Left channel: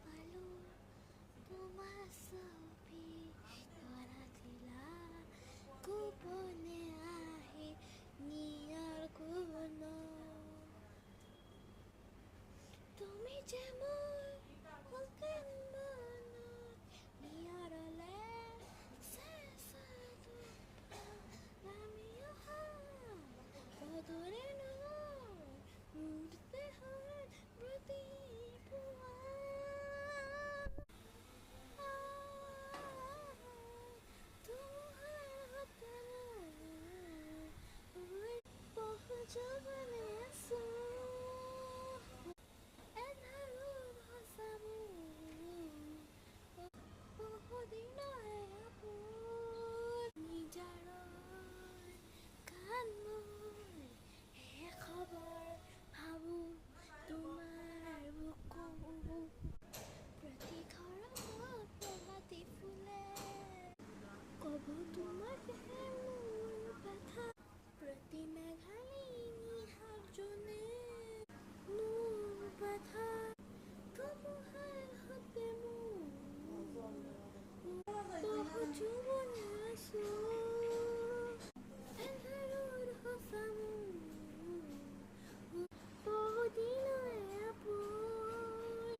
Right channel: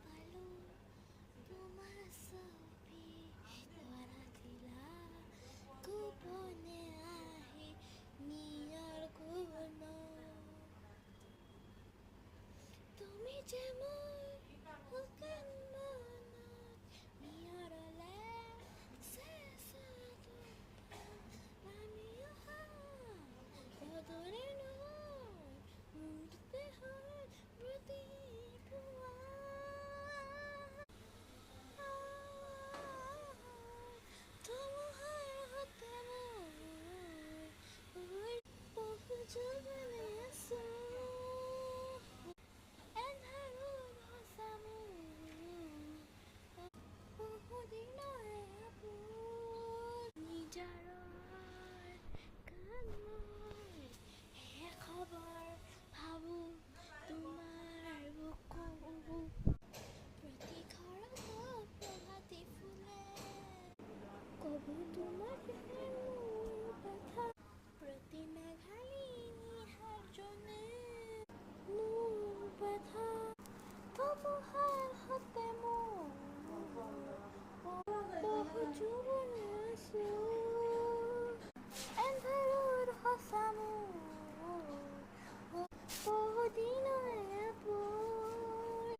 পালো তোমাৰ ছবি ধৰা দিলা গোপনে আহে নিয়াৰ কোনো তুমি যেমন হকেন মনত নিয়াৰলে শেষাদু নামিও বদৰে মুহূৰ্তে হয় প্ৰতি তোমাৰ হতে মই বহু যৌবনে আছো এন্ধাৰত সঁচামো বহুদিনৰে আপোন নিজাৰৰ গান মই হে খবৰ ভাবো তোমাৰ বুকু প্ৰতি ঘৰত প্ৰভাতী ফুলে কব তোমাক হে মোৰ কথা প্ৰতি মেঘালী নিহাজনে মোৰ কথা তবুহাৰ হতে মোৰ বহু যৌবনে আছো এন্ধাৰত সঁচামো বহুদিনৰে আপোন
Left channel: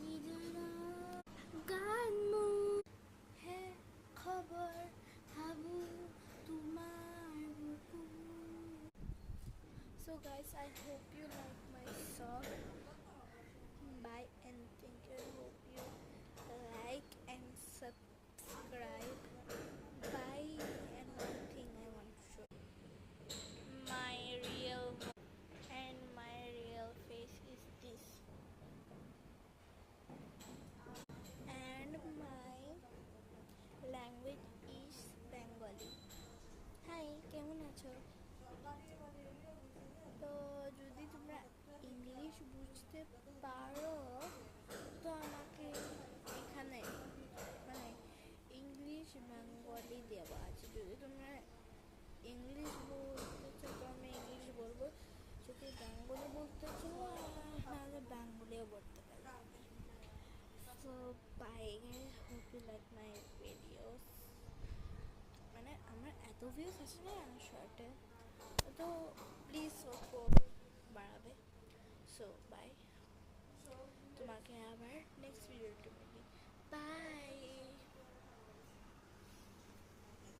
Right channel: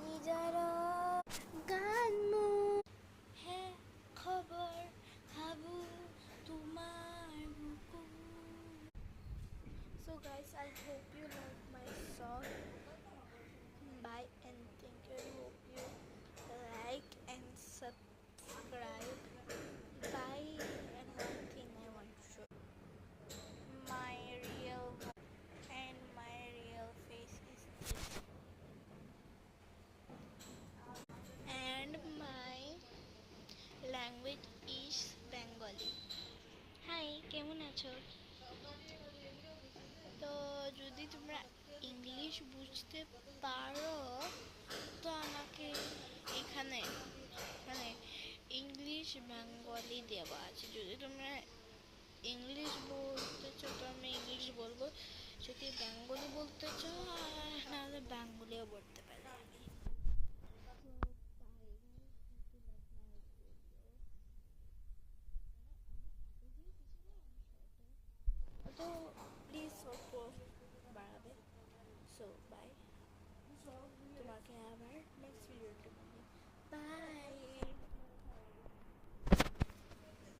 নিজাৰৰ গান মোৰ হে খবৰ ভাবো তোমাৰ বুকু So guys, I hope you like my song. Bye and thank you. I hope you like and subscribe. Bye. And one thing I want to show my real and my real face is this. And my language is Bengali. Hi, কেমন আছো? তো যদি তোমরা English বুঝতে পারো তো আমাকে এখানে মানে ইংলিশ বেঙ্গলি দেওয়া আছে যদি তোমরা ইংলিশ বলতে চাও তো আমি ইংলিশ বলবো যদি বেঙ্গলি বলতে চাও নাহলে বেঙ্গলিও বলতে পারি আমি so bye hope you like my videos মানে আমার এত ভিউজ আছে না আমার শর্টে তো প্লিজ অল্প বাড়াবে সো বাই তোমাকে আবার নেক্সট ভিডিওতে বলি বাই